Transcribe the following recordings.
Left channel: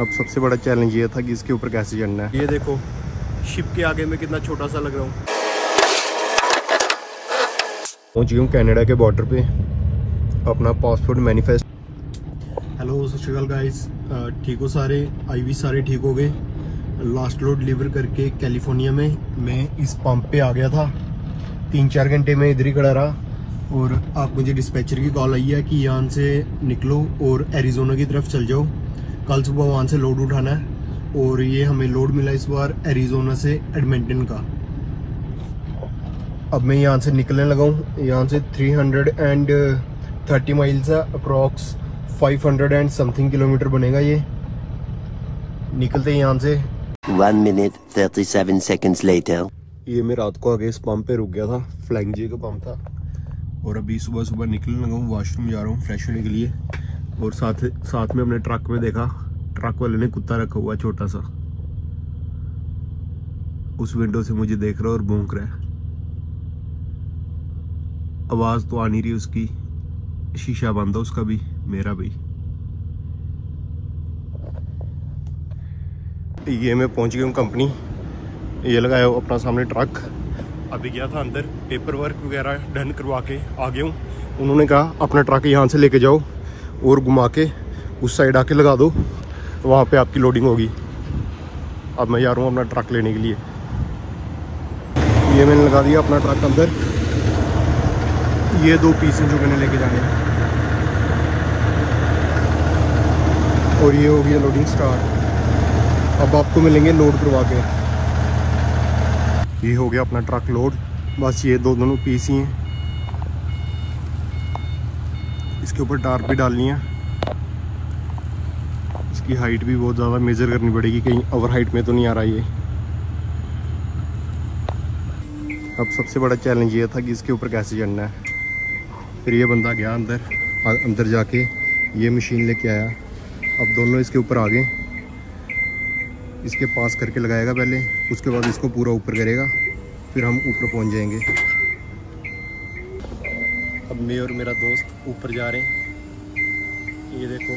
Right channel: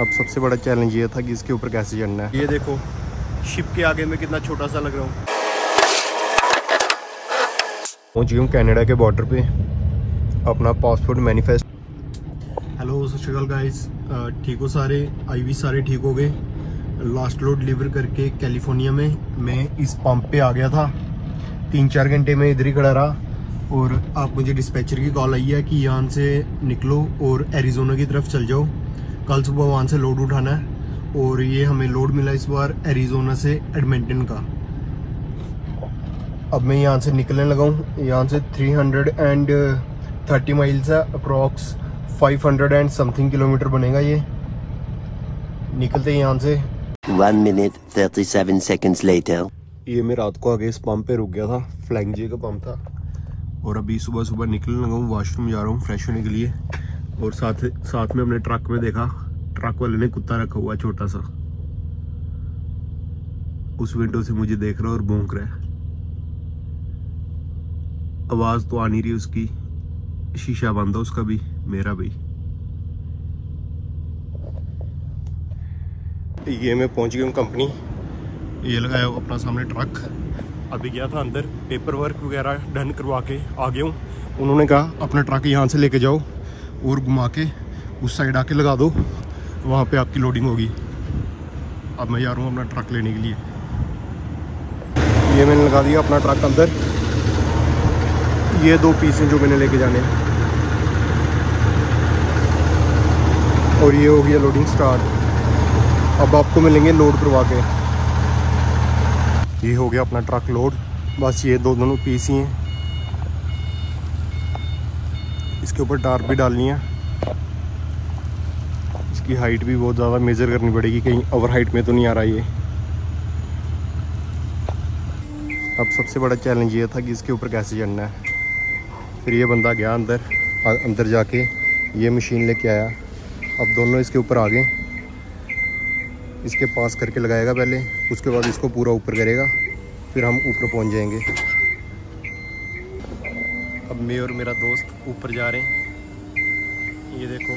अब सबसे बड़ा चैलेंज ये था कि इसके ऊपर कैसे चढ़ना है। ये देखो शिप के आगे में कितना छोटा सा लग रहा हूँ। पहुँच गई हूँ कनाडा के बॉर्डर पे, अपना पासपोर्ट मैनिफेस्ट। हेलो सत श्री अकाल गाइस, ठीक हो सारे? आईवी सारे ठीक हो गए। लास्ट लोड डिलीवर करके कैलिफोर्निया में मैं इस पंप पे आ गया था। 3-4 घंटे में इधर ही खड़ा रहा और अब मुझे डिस्पैचर की कॉल आई है कि यहाँ से निकलो और एरिजोना की तरफ चल जाओ। कल सुबह वहाँ से लोड उठाना है और ये हमें लोड मिला इस बार एरिजोना से एडमिंटन का। अब मैं यहाँ से निकलने लगा हूँ। यहाँ से 330 माइल्स है, अप्रॉक्स 500 एंड समथिंग किलोमीटर बनेगा। ये निकलते हैं यहाँ से। 1 minute 37 seconds later. ये मैं रात को आगे इस पंप पे रुक गया था, फ्लाइंग जे का पंप था। और अभी सुबह सुबह निकलने लगा हूँ, वॉशरूम जा रहा हूँ फ्रेश होने के लिए। और साथ में अपने ट्रक में देखा, ट्रक वाले ने कुत्ता रखा हुआ छोटा सा, उस विंडो से मुझे देख रहा है और भौंक रहा है। आवाज तो आ नहीं रही उसकी, शीशा बंद है उसका भी, मेरा भी। ये मैं पहुंच गया हूँ कंपनी। ये लगाया अपना सामने ट्रक। अभी गया था अंदर, पेपर वर्क वगैरह डन करवा के आ गया हूँ। उन्होंने कहा अपना ट्रक यहाँ से लेके जाओ और घुमा के उस साइड आके लगा दो, वहाँ पे आपकी लोडिंग होगी। अब मैं जा रहा हूँ अपना ट्रक लेने के लिए। ये मैंने लगा दिया अपना ट्रक अंदर। ये 2 पीस हैं जो मैंने लेके जाने हैं। और ये हो गया लोडिंग स्टार्ट। अब आपको मिलेंगे लोड करवा के। ये हो गया अपना ट्रक लोड। बस ये दोनों पीस ही हैं। इसके ऊपर टार्प भी डालनी है। इसकी हाइट भी बहुत ज़्यादा मेजर करनी पड़ेगी, कहीं ओवर हाइट में तो नहीं आ रहा ये। अब सबसे बड़ा चैलेंज ये था कि इसके ऊपर कैसे चढ़ना है। फिर ये बंदा गया अंदर जाके ये मशीन लेके आया। अब दोनों इसके ऊपर आ गए। इसके पास करके लगाएगा पहले, उसके बाद इसको पूरा ऊपर करेगा, फिर हम ऊपर पहुंच जाएंगे। अब मैं और मेरा दोस्त ऊपर जा रहे हैं। ये देखो,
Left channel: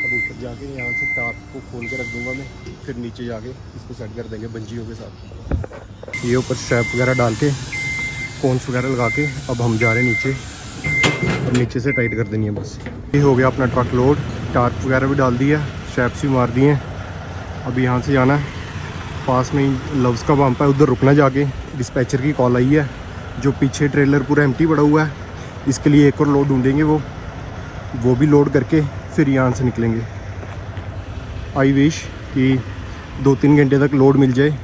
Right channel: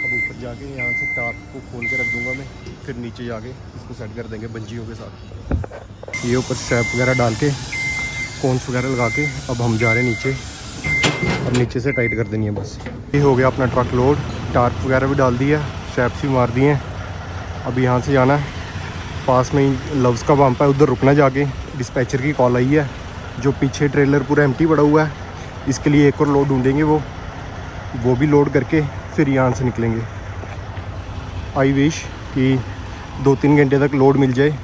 अब ऊपर जाके यहाँ से टाप को खोल के रख दूंगा मैं, फिर नीचे जाके इसको सेट कर देंगे बंजियों के साथ। ये ऊपर स्ट्रैप वगैरह डाल के, कोन्स वगैरह लगा के अब हम जा रहे हैं नीचे। अब नीचे से टाइट कर देनी है बस। ये हो गया अपना ट्रक लोड। टार्प वगैरह भी डाल दिया, स्ट्रैप्स भी मार दिए हैं। अब यहाँ से जाना है, पास में ही लव्स का पंप है, उधर रुकना जाके। डिस्पैचर की कॉल आई है, जो पीछे ट्रेलर पूरा एम्प्टी पड़ा हुआ है, इसके लिए एक और लोड ढूंढेंगे। वो भी लोड करके फिर यहाँ से निकलेंगे। आई विश कि 2-3 घंटे तक लोड मिल जाए,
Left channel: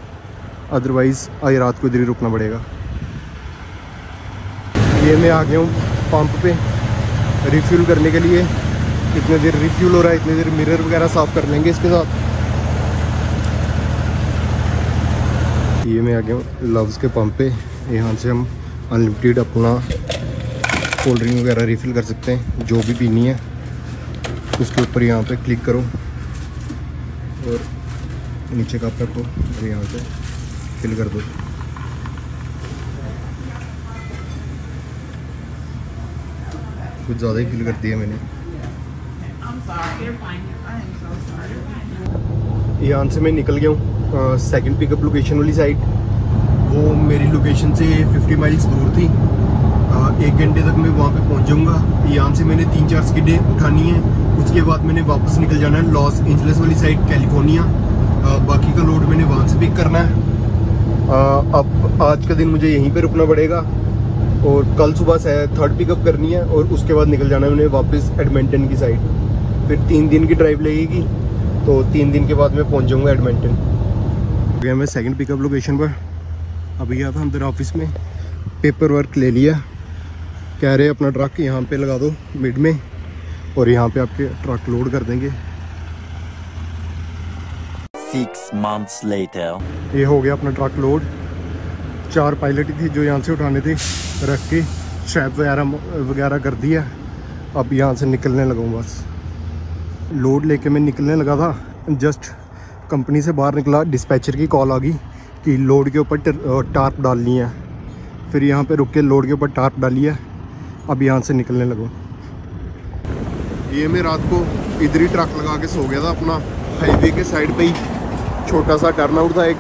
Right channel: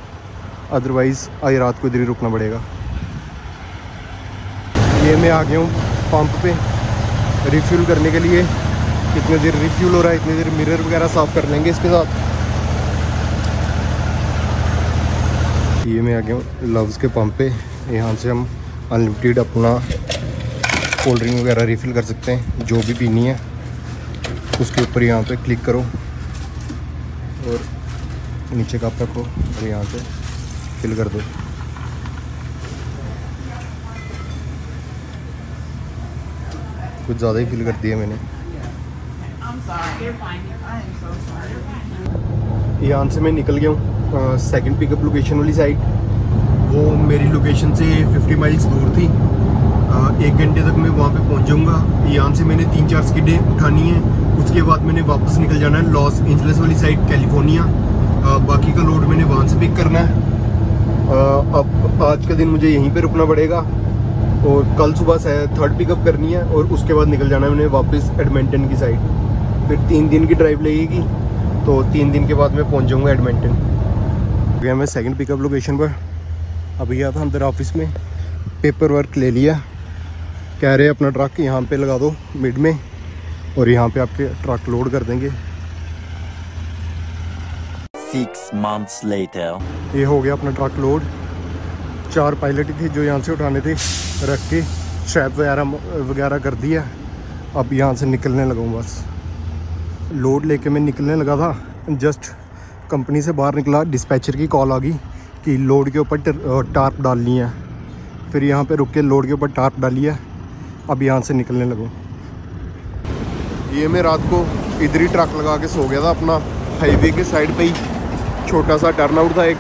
अदरवाइज़ आज रात को इधर ही रुकना पड़ेगा। ये मैं आ गया हूँ पंप पे रिफ्यूल करने के लिए। इतने देर रिफ्यूल हो रहा है, इतनी देर मिरर वगैरह साफ कर लेंगे इसके साथ। ये मैं आ गया हूँ लव्स के पंप पे। यहाँ से हम अनलिमिटेड अपना कोल्ड ड्रिंक वगैरह रिफ़िल कर सकते हैं, जो भी पीनी है। उसके ऊपर यहाँ पे क्लिक करो और नीचे कप रखो और यहाँ से फिल कर दो। कुछ ज़्यादा ही फिल कर दिया मैंने। यहाँ से मैं निकल गया हूँ सेकंड पिकअप लोकेशन वाली साइड। वो मेरी लोकेशन से 50 माइल्स दूर थी। 1 घंटे तक मैं वहाँ पे पहुँच जाऊँगा। यहाँ से मैंने 3-4 स्किडें उठानी है, उसके बाद मैंने वापस निकल जाना है लॉस एंजलिस वाली साइड, कैलिफोर्निया। बाकी का लोड मैंने वहाँ से पिक करना है। अब आज का दिन मुझे यहीं पे रुकना पड़ेगा और कल सुबह से 3rd पिकअप करनी है और उसके बाद निकल जाना है मैंने वापस एडमिंटन की साइड। फिर 3 दिन की ड्राइव लगेगी, तो 3 दिन के बाद मैं पहुंच जाऊंगा एडमिंटन। गया मैं सेकंड पिकअप लोकेशन पर। अभी गया था अंदर ऑफिस में, पेपर वर्क ले लिया। कह रहे अपना ट्रक यहाँ पे लगा दो मिड में और यहाँ पे आपके ट्रक लोड कर देंगे। 6 months later. ये हो गया अपना ट्रक लोड। 4 पायलट ही थे जो यहाँ से उठाने थे, रख के स्ट्रैप वगैरह कर दिया। अब यहाँ से निकलने लगा हूँ बस। लोड लेके मैं निकलने लगा था, जस्ट कंपनी से बाहर निकला, डिस्पैचर की कॉल आ गई कि लोड के ऊपर टार्प डालनी है। फिर यहाँ पे रुक के लोड के ऊपर टार्प डाली है। अब यहाँ से निकलने लगा। ये मैं रात को इधर ही ट्रक लगा के सो गया था अपना, हाईवे के साइड पे ही। छोटा सा टर्नआउट था एक।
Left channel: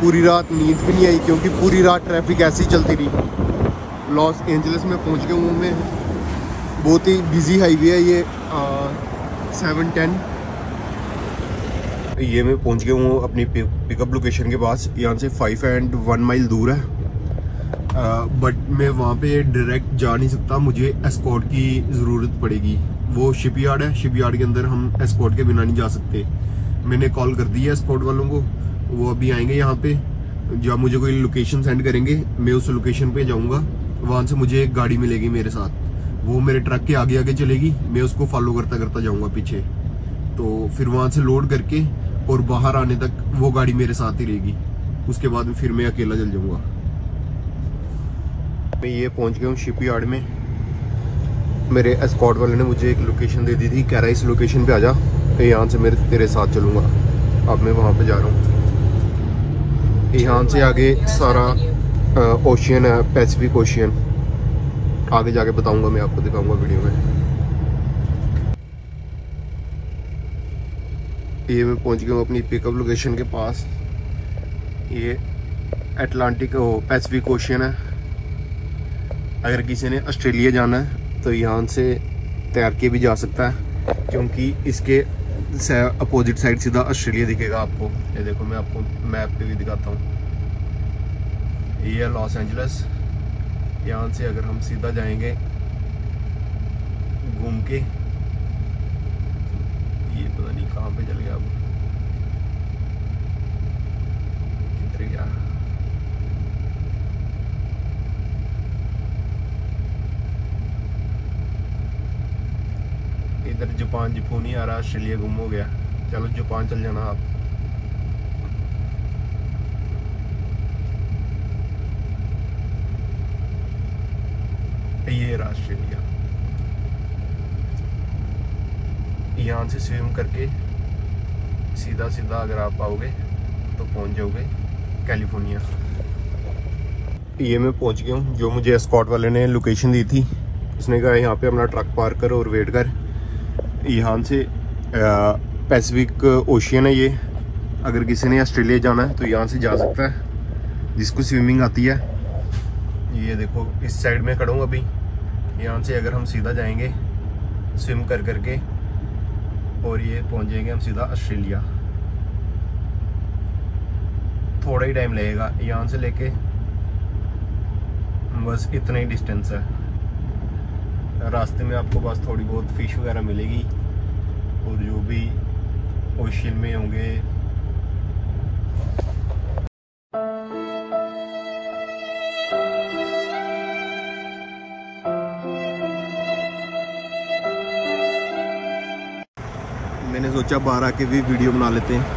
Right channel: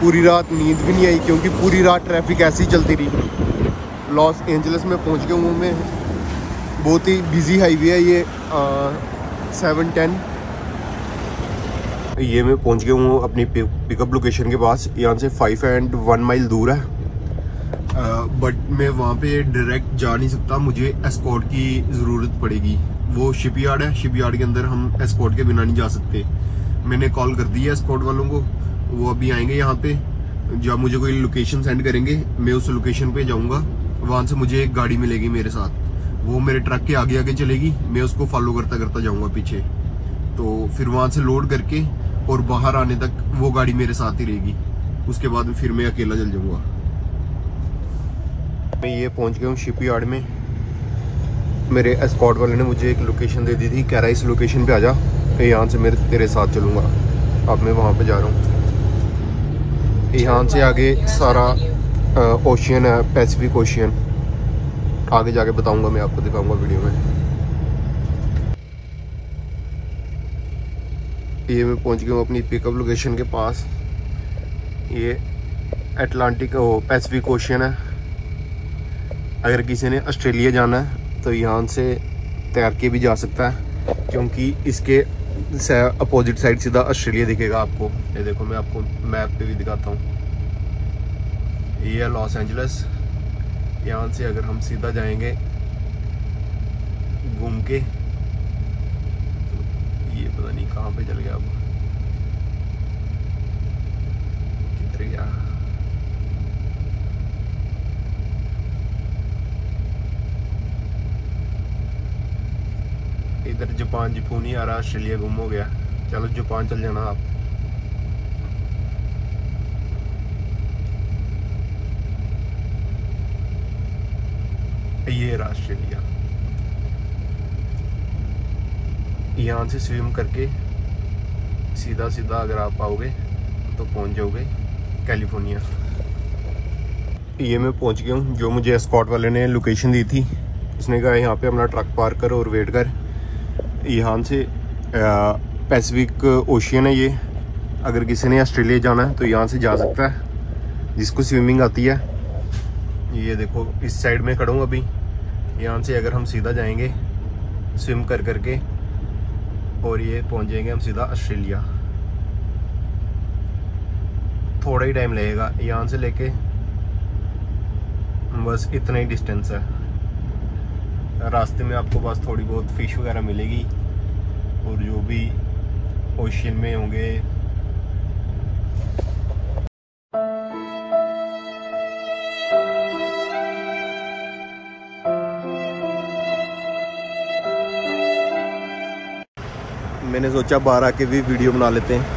पूरी रात नींद भी नहीं आई क्योंकि पूरी रात ट्रैफिक ऐसी ही चलती रही। लॉस एंजलिस में पहुंच गया हूँ मैं। बहुत ही बिजी हाईवे है ये 710। ये मैं पहुंच गया हूँ अपनी पिकअप लोकेशन के पास। यहाँ से 5 and 1 माइल दूर है, बट मैं वहाँ पे डायरेक्ट जा नहीं सकता, मुझे एस्कॉर्ट की ज़रूरत पड़ेगी। वो शिपयार्ड है, शिपयार्ड के अंदर हम एस्कॉर्ट के बिना नहीं जा सकते। मैंने कॉल कर दी है एस्कॉर्ट वालों को, वो अभी आएंगे यहाँ पे। जब मुझे कोई लोकेशन सेंड करेंगे मैं उस लोकेशन पे जाऊँगा, वहाँ से मुझे एक गाड़ी मिलेगी मेरे साथ। वो मेरे ट्रक के आगे आगे चलेगी, मैं उसको फॉलो करता करता जाऊँगा पीछे। तो फिर वहाँ से लोड करके और बाहर आने तक वो गाड़ी मेरे साथ ही रहेगी। उसके बाद फिर मैं अकेला चल जाऊँगा। मैं ये पहुंच गया हूँ शिपयार्ड में। मेरे एस्कॉर्ट वाले ने मुझे एक लोकेशन दे दी थी, कह रहा है इस लोकेशन पे आ जा, तो यहाँ से मैं तेरे साथ चलूँगा। अब मैं वहाँ पे जा रहा हूँ। यहाँ से आगे सारा ओशियन है, पैसिफिक ओशियन। आगे जाके बताऊँगा, मैं आपको दिखाऊँगा वीडियो में। ये मैं पहुँच गया हूँ अपनी पिकअप लोकेशन के पास। ये अटलांटिक पैसिफिक ओशियन है। अगर किसी ने ऑस्ट्रेलिया जाना है तो यहाँ से तैर के भी जा सकता है, क्योंकि इसके अपोजिट साइड सीधा ऑस्ट्रेलिया दिखेगा आपको। ये देखो, मैं आपको मैप पे भी दिखाता हूँ। ये है लॉस एंजलिस। यहाँ से अगर हम सीधा जाएंगे घूम के, ये पता नहीं कहाँ पे चल गया अब, किधर गया। इधर जापान जपून ही आ रहा, ऑस्ट्रेलिया गुम हो गया। चलो जापान चल जाना आप। ये ऑस्ट्रेलिया। यहाँ से स्विम करके सीधा सीधा अगर आप आओगे तो पहुंच जाओगे कैलिफोर्निया। ये मैं पहुंच गया हूँ। जो मुझे एस्कॉर्ट वाले ने लोकेशन दी थी, उसने कहा यहाँ पे अपना ट्रक पार्क कर और वेट कर। यहाँ से पैसिफिक ओशियन है ये। अगर किसी ने ऑस्ट्रेलिया जाना है तो यहाँ से जा सकता है, जिसको स्विमिंग आती है। ये देखो, इस साइड में खड़ा हूँ अभी। यहाँ से अगर हम सीधा जाएंगे स्विम कर करके, और ये पहुँच जाएंगे हम सीधा ऑस्ट्रेलिया। थोड़ा ही टाइम लगेगा यहाँ से लेके, बस इतना ही डिस्टेंस है। रास्ते में आपको बस थोड़ी बहुत फिश वगैरह मिलेगी, और जो भी ओशियन में होंगे। मैंने सोचा बाहर आके भी वीडियो बना लेते हैं।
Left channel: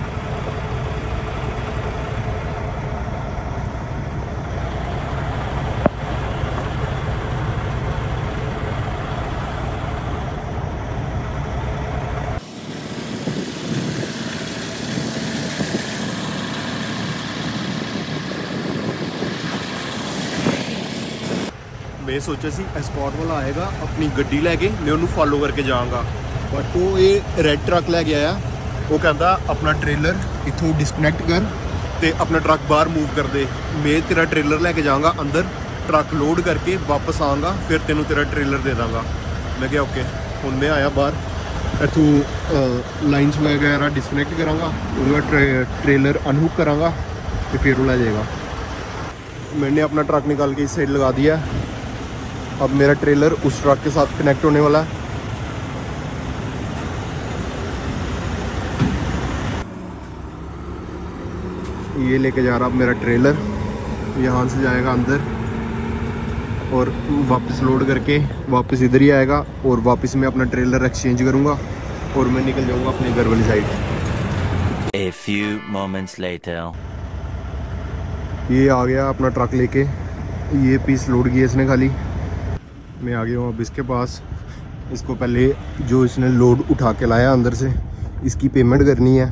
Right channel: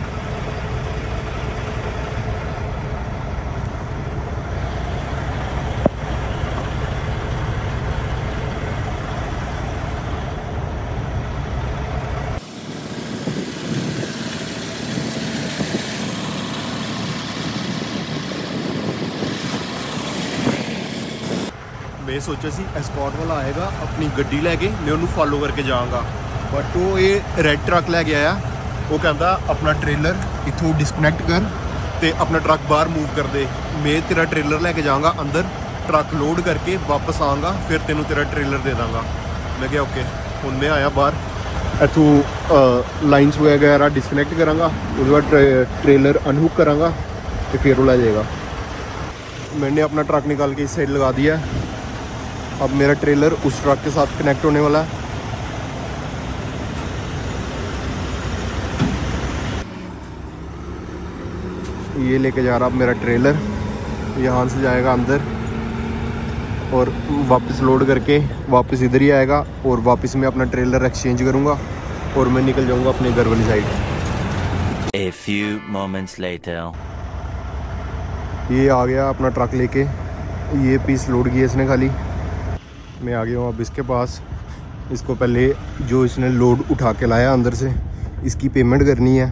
मैं सोचा सी एस्कॉर्ट वाला आएगा अपनी गड्डी लैके, मैं उन्होंने फॉलो करके जाऊंगा, बट वो ये रेड ट्रक लैके आया। वो कहता अपना ट्रेलर इथों डिस्कनैक्ट कर ते अपना ट्रक बाहर मूव कर दे। मैं तेरा ट्रेलर लैके जाऊंगा अंदर, ट्रक लोड करके वापस आऊँगा, फिर तेनों तेरा ट्रेलर दे दांगा। मैं क्या ओके। हुण मैं आया बाहर, इथों लाइन्स वगैरह डिस्कनैक्ट करांगा, उसके बाद ट्रेलर अनहुक करांगा तो फिर वो लै जाएगा। मैंने अपना ट्रक निकाल के इस साइड लगा दिया। अब मेरा ट्रेलर उस ट्रक के साथ कनेक्ट होने वाला है। ये लेके जा रहा अब मेरा ट्रेलर, यहाँ से जाएगा अंदर और वापस लोड करके वापस इधर ही आएगा, और वापस मैं अपना ट्रेलर एक्सचेंज करूँगा और मैं निकल जाऊँगा अपने घर वाली side. A few moments later. ये आ गया अपना ट्रक लेके, ये पीस लोड किया इसने खाली। मैं आ गया हूँ अब इसके पास। इसको पहले जो इसने लोड उठा के लाया अंदर से, इसकी पेमेंट करनी है।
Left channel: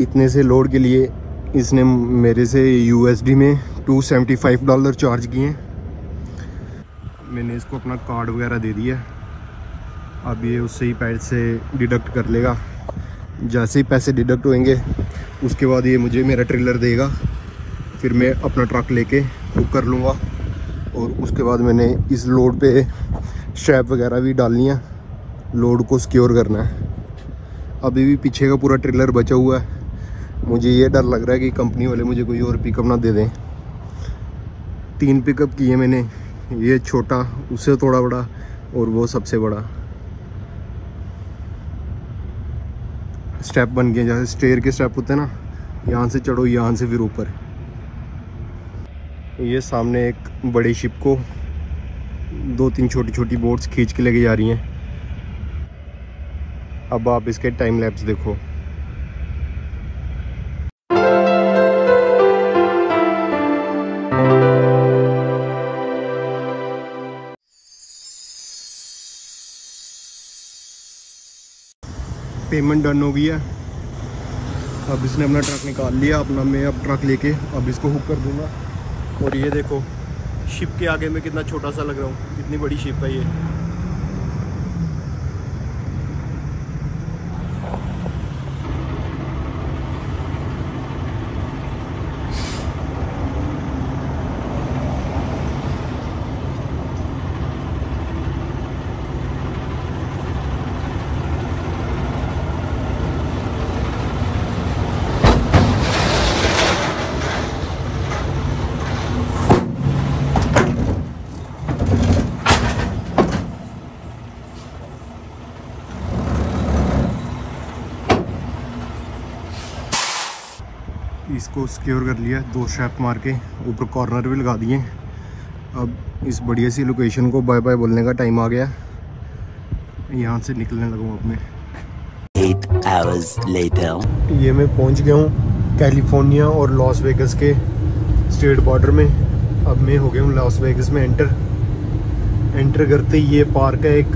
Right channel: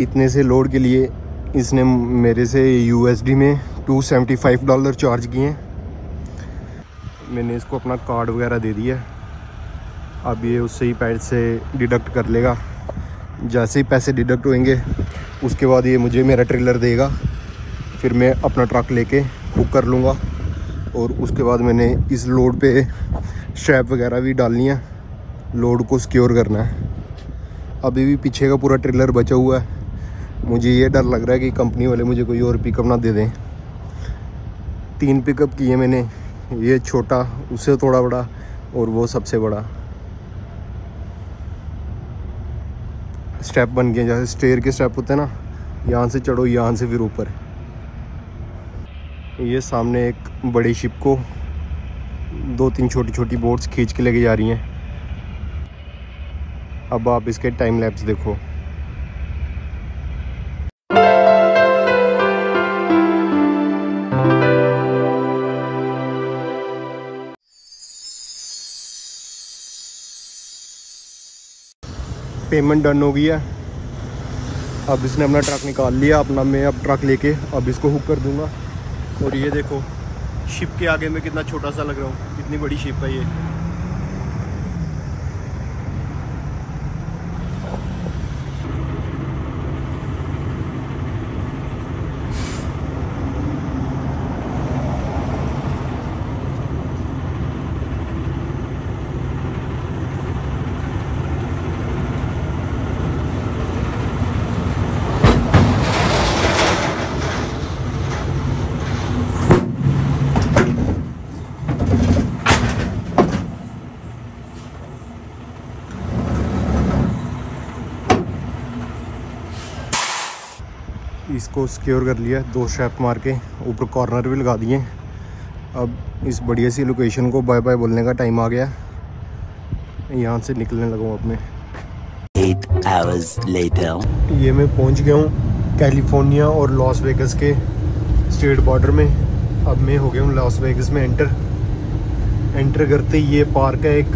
इतने से लोड के लिए इसने मेरे से USD में $275 चार्ज किए। मैंने इसको अपना कार्ड वगैरह दे दिया, अब ये उससे ही पैड से डिडक्ट कर लेगा। जैसे ही पैसे डिडक्ट होंगे उसके बाद ये मुझे मेरा ट्रेलर देगा, फिर मैं अपना ट्रक लेके बुक कर लूँगा। और उसके बाद मैंने इस लोड पे स्ट्रैप वगैरह भी डालनी है, लोड को सिक्योर करना है। अभी भी पीछे का पूरा ट्रेलर बचा हुआ है। मुझे ये डर लग रहा है कि कंपनी वाले मुझे कोई और पिकअप ना दे दें। 3 पिकअप किए मैंने, ये छोटा, उससे थोड़ा बड़ा और वो सबसे बड़ा। स्टेप बन गए, जैसे स्टेयर के स्टेप होते हैं ना, यहाँ से चढ़ो, यहाँ से फिर ऊपर। ये सामने एक बड़ी शिप को 2-3 छोटी छोटी बोट्स खींच के लेके जा रही हैं। अब आप इसके टाइम लैप्स देखो। पेमेंट डन हो गई है। अब इसने अपना ट्रक निकाल लिया अपना। मैं अब ट्रक लेके अब इसको हुक कर दूंगा। और ये देखो शिप के आगे में कितना छोटा सा लग रहा हूँ, कितनी बड़ी शिप है ये। इसको सिक्योर कर लिया, 2 स्ट्रैप मार के ऊपर कॉर्नर भी लगा दिए। अब इस बढ़िया सी लोकेशन को बाय बाय बोलने का टाइम आ गया। यहाँ से निकलने लगा अब मैं। 8 hours later. ये मैं पहुँच गया हूँ कैलिफोर्निया और लॉस वेगस के स्टेट बॉर्डर में। अब मैं हो गया हूँ लॉस वेगस में एंटर करते ही ये पार्क है एक,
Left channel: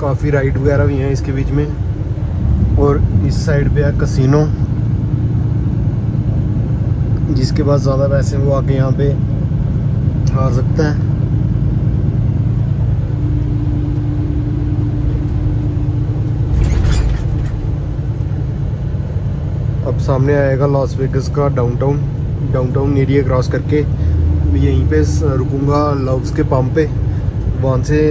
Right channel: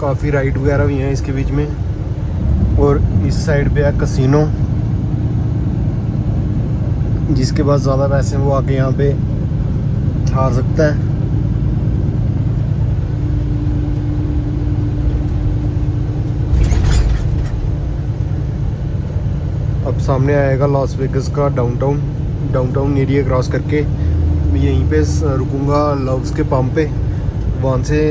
काफ़ी राइड वगैरह भी हैं इसके बीच में। और इस साइड पे है कसिनो, जिसके पास ज़्यादा पैसे वो आके यहाँ पे ठहर सकता है। अब सामने आएगा लॉस वेगस का डाउनटाउन एरिया क्रॉस करके मैं यहीं पे रुकूंगा लव्स के पंप पे। वहाँ से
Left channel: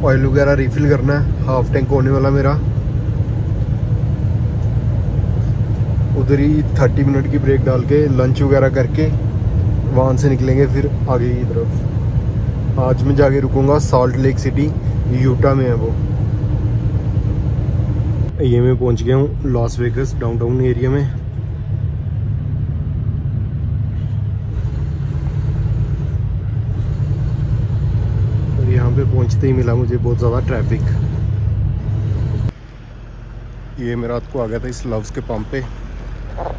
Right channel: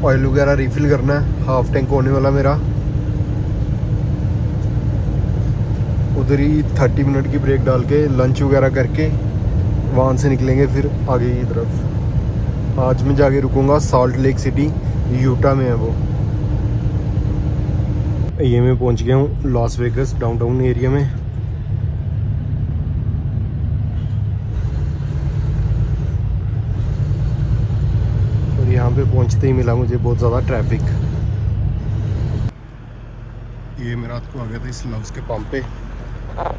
ऑयल वगैरह रिफिल करना है, हाफ टैंक होने वाला मेरा। उधर ही 30 मिनट की ब्रेक डाल के लंच वगैरह करके वहाँ से निकलेंगे फिर आगे की तरफ। आज मैं जाके रुकूंगा सॉल्ट लेक सिटी, यूटा में है वो। ये मैं पहुँच गया हूँ लॉस वेगस डाउनटाउन एरिया में। और यहाँ पे पहुँचते ही मिला मुझे बहुत ज़्यादा ट्रैफिक। ये मैं रात को आ गया था इस लव्स के पंप पे।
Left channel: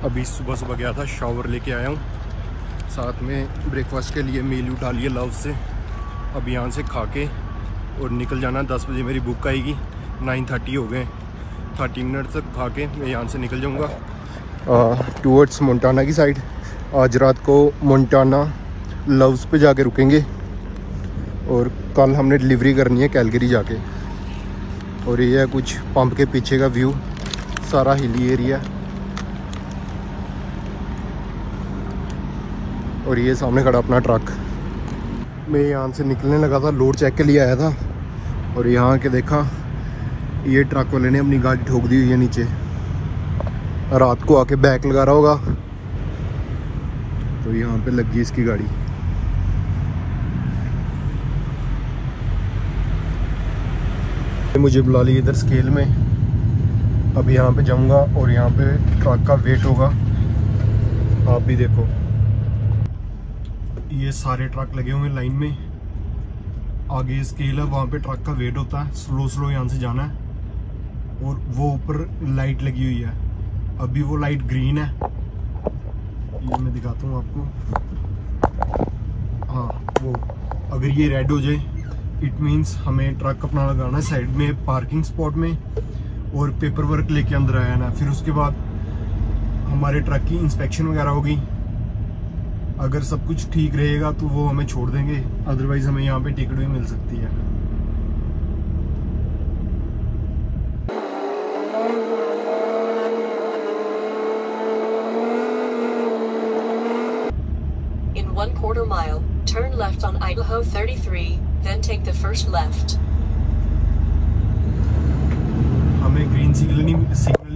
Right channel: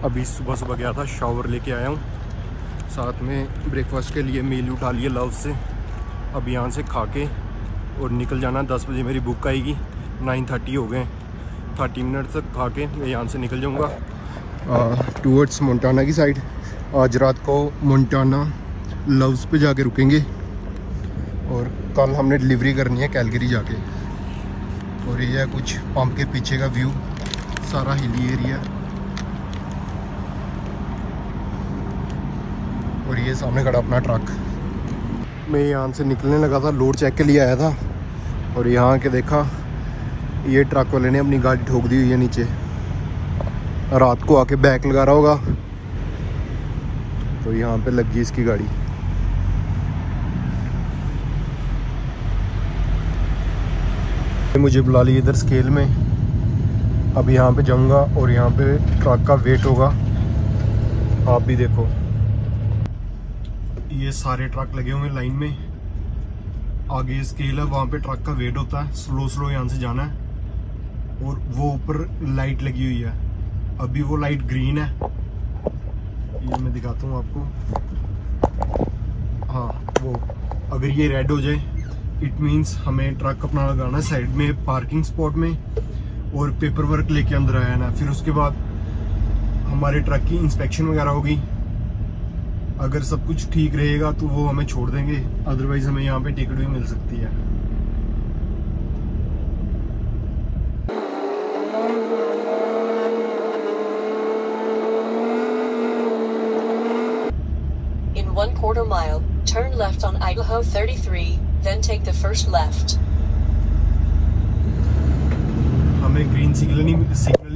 अभी सुबह गया था, शावर लेके आया हूँ, साथ में ब्रेकफास्ट के लिए मील उठा लिए लव से। अब यहाँ से खा के और निकल जाना। 10 बजे मेरी बुक आएगी, 9:30 हो गए। 30 मिनट तक खा के मैं यहाँ से निकल जाऊँगा टूवर्ड्स मोंटाना की साइड। आज रात को मोंटाना लव्स पे जाके रुकेंगे और कल हमने डिलीवरी करनी है कैलगरी जाके। और ये है कुछ पंप के पीछे का व्यू, सारा हिली एरिया। और ये सामने खड़ा अपना ट्रक। मैं यहाँ से निकलने लगा था, लोड चेक के लिए आया था और यहाँ के देखा ये ट्रक वाले ने अपनी गाड़ी ठोक दी हुई है नीचे। रात को आके बैक लगा रहा होगा तो यहाँ पे लगी इसकी गाड़ी। मुझे बुला ली इधर स्केल में। अब यहाँ पे जाऊँगा और यहाँ पे ट्रक का वेट होगा। आप भी देखो, ये सारे ट्रक लगे हुए हैं लाइन में। आगे स्केल है, वहाँ पे ट्रक का वेट होता है। स्लो यहाँ से जाना है। और वो ऊपर लाइट लगी हुई है, अभी वो लाइट ग्रीन है। ये मैं दिखाता हूँ आपको। हाँ, वो अगर ये रेड हो जाए इट मीन्स हमें ट्रक अपना लगाना है साइड में पार्किंग स्पॉट में और पेपर वर्क लेके अंदर आया ना। फिर उसके बाद हमारे ट्रक की इंस्पेक्शन वगैरह होगी। अगर सब कुछ ठीक रहेगा तो वो हमें छोड़ देंगे, अदरवाइज हमें यहाँ पे टिकट भी मिल सकती है। 1/4 mile, turn left on Idaho 33, then take the first left. हमें ग्रीन सिग्नल ही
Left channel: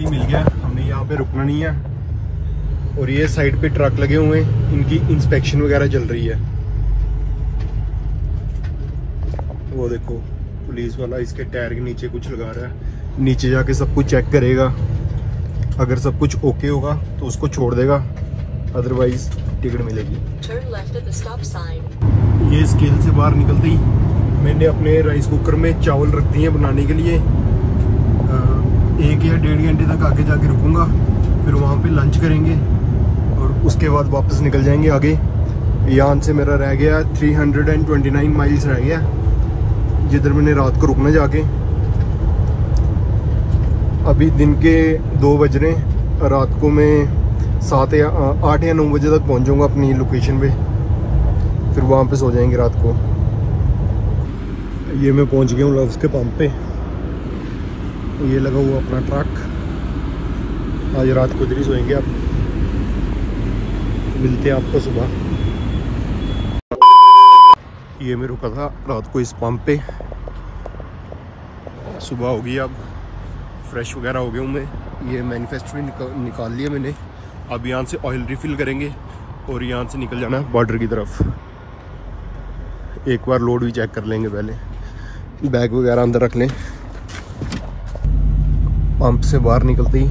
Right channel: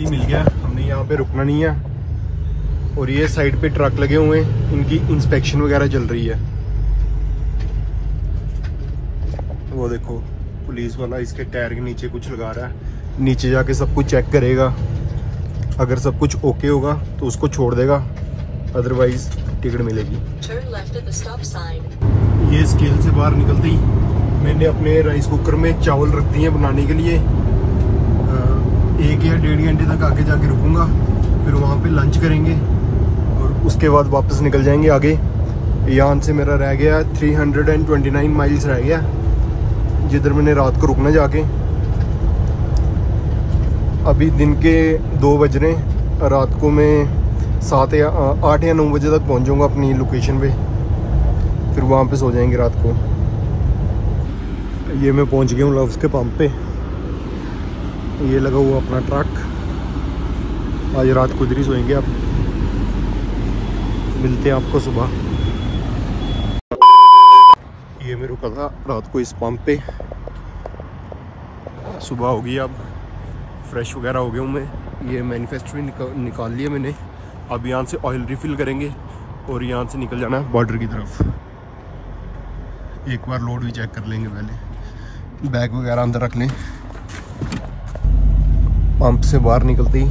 मिल गया, हमने यहाँ पे रुकना नहीं है। और ये साइड पे ट्रक लगे हुए हैं, इनकी इंस्पेक्शन वगैरह चल रही है। वो देखो पुलिस वाला इसके टायर के नीचे कुछ लगा रहा है, नीचे जाके सब कुछ चेक करेगा। अगर सब कुछ ओके होगा तो उसको छोड़ देगा, अदरवाइज टिकट मिलेगी। ये स्केल से बाहर निकलते ही मैंने अपने राइस कुकर में चावल रख दिए बनाने के लिए। 1 या 1.5 घंटे तक आगे जाके रुकूंगा, फिर वहाँ पे लंच करेंगे और उसके बाद वापस निकल जाएंगे आगे। यहाँ से मेरा रह गया 329 माइल्स रह गया, जिधर मैंने रात को रुकना जाके। अभी दिन के 2 बज रहे हैं, रात को मैं 8 या 9 बजे तक पहुँच जाऊँगा अपनी लोकेशन पे, फिर वहाँ पे सो जाएंगे रात को। ये मैं पहुँच गया हूँ लव्स के पंप पे। ये लगा हुआ अपना ट्रक, आज रात को इधर ही सोएंगे। आप मिलते हैं आपको सुबह। ये मैं रुका था रात को इस पंप पे। सुबह हो गई, अब फ्रेश वगैरह हो गया हूँ मैं। ये मैनिफेस्ट भी निकाल लिया मैंने। अब यहाँ से ऑयल रिफिल करेंगे और यहाँ से निकल जाना है बॉर्डर की तरफ। एक बार लोड भी चेक कर लेंगे पहले, बैग वगैरह अंदर रख लें। पंप से बाहर निकलते ही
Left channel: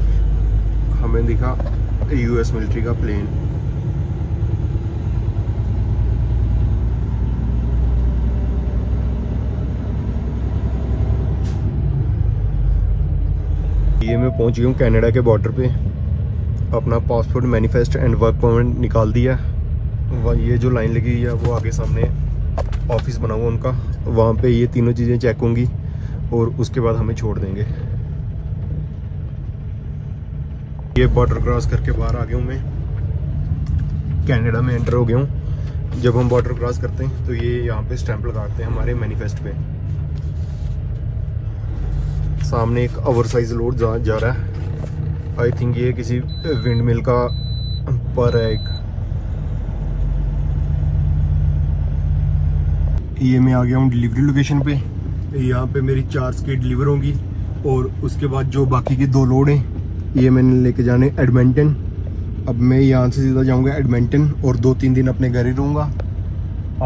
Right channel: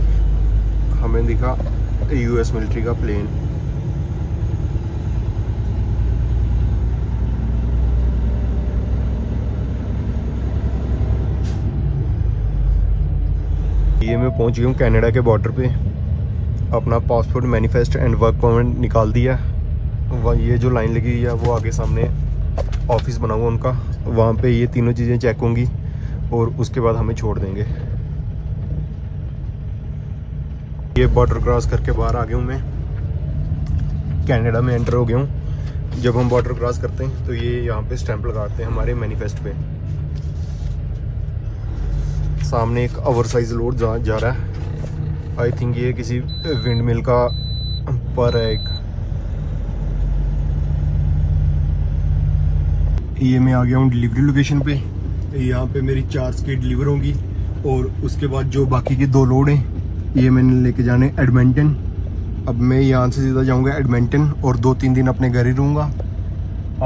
हमें दिखा यूएस मिलिट्री का प्लेन। ये मैं पहुंच गया हूँ कनाडा के बॉर्डर पे। अपना passport, manifest and work permit निकाल दिया। ये जो लाइन लगी हुई है वो आगे सामने ऑफिस बना हुआ उनका, वहाँ पे ये तीनों चीज़ें चेक होंगी और उसके बाद हमें छोड़ देंगे। ये बॉर्डर क्रॉस करके बाहर आ गया हूँ मैं, कनाडा में एंटर हो गया हूँ। जब हम बॉर्डर क्रॉस करते हैं तो ये यहाँ पे स्टैंप लगाते हैं हमारे मैनिफेस्ट पे। सामने एक ओवर साइज लोड जा रहा है। आई थिंक ये किसी विंड मिल का पर है एक। ये मैं आ गया हूँ डिलीवरी लोकेशन पे। यहाँ पे मेरी 4 स्केट डिलीवर होंगी और उसके बाद जो बाकी के 2 लोड हैं ये मैंने लेके जाने एडमंटन। अब मैं यहाँ से सीधा जाऊँगा एडमंटन और 2-3 दिन अपने घर ही रहूँगा।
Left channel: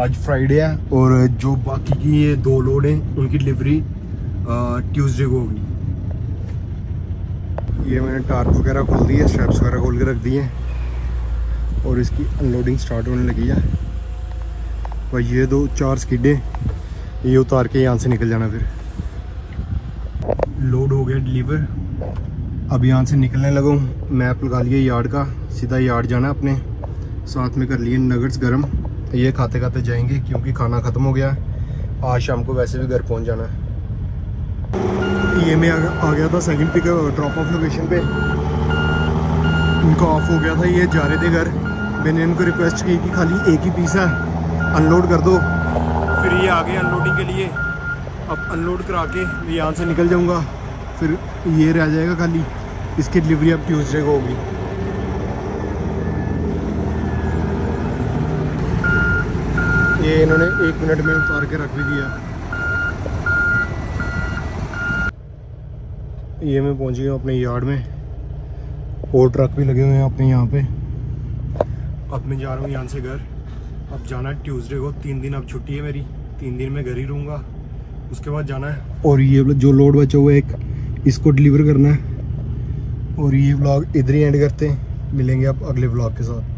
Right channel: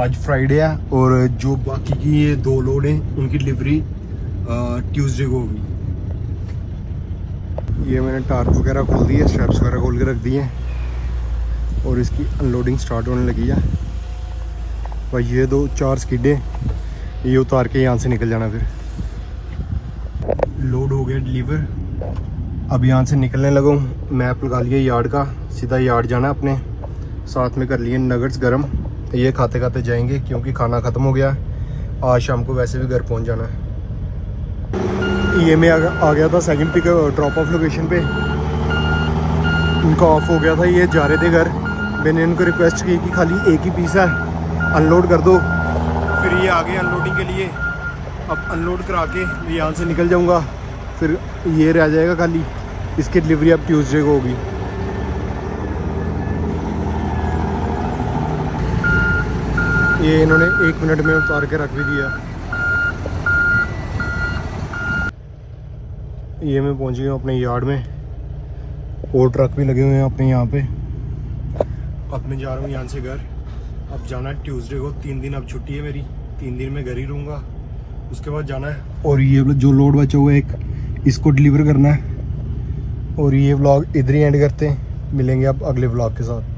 आज फ्राइडे है और जो बाकी की ये 2 लोड हैं उनकी डिलीवरी ट्यूसडे को होगी। ये मैंने टार्प वगैरह खोल दी है, स्ट्रैप्स वगैरह खोल के रख दिए और इसकी अनलोडिंग स्टार्ट होने लगी है। और ये 4 स्किडे ये उतार के यहाँ से निकल जाना। फिर लोड हो गया डिलीवर। अब यहाँ से निकलने लगा हूँ। मैप लगा लिया यार्ड का, सीधा यार्ड जाना अपने। साथ में कर लिए नगट्स गरम, ये खाते खाते जाएंगे क्योंकि खाना ख़त्म हो गया। आज शाम को वैसे भी घर पहुँच जाना है। ये मैं आ गया था second pick drop off location पे। उनका ऑफ हो गया था, ये जा रहे थे घर। मैंने इनको रिक्वेस्ट की कि खाली एक ही पीस है, अनलोड कर दो। फिर ये आ गए अनलोडिंग के लिए। अब अनलोड करा के यहाँ से निकल जाऊँगा, फिर ये रह जाएगा खाली। इसकी डिलीवरी अब ट्यूसडे को होगी। ये इन्होंने 1 मिनट में उतार के रख भी दिया। ये मैं पहुंच गया अपने यार्ड में और ट्रक भी लगे हुए हैं अपने यहाँ पे। अब मैं जा रहा हूँ यहाँ से घर। अब जाना है ट्यूसडे को, 3 दिन अब छुट्टी है मेरी। 3 दिन मैं घर ही रहूँगा, उसके बाद जाना है। और ये जो लोड बचा हुआ है एक, इसको डिलीवर करना है। और ये व्लॉग इधर ही एंड करते हैं, मिलेंगे आप अगले व्लॉग के साथ।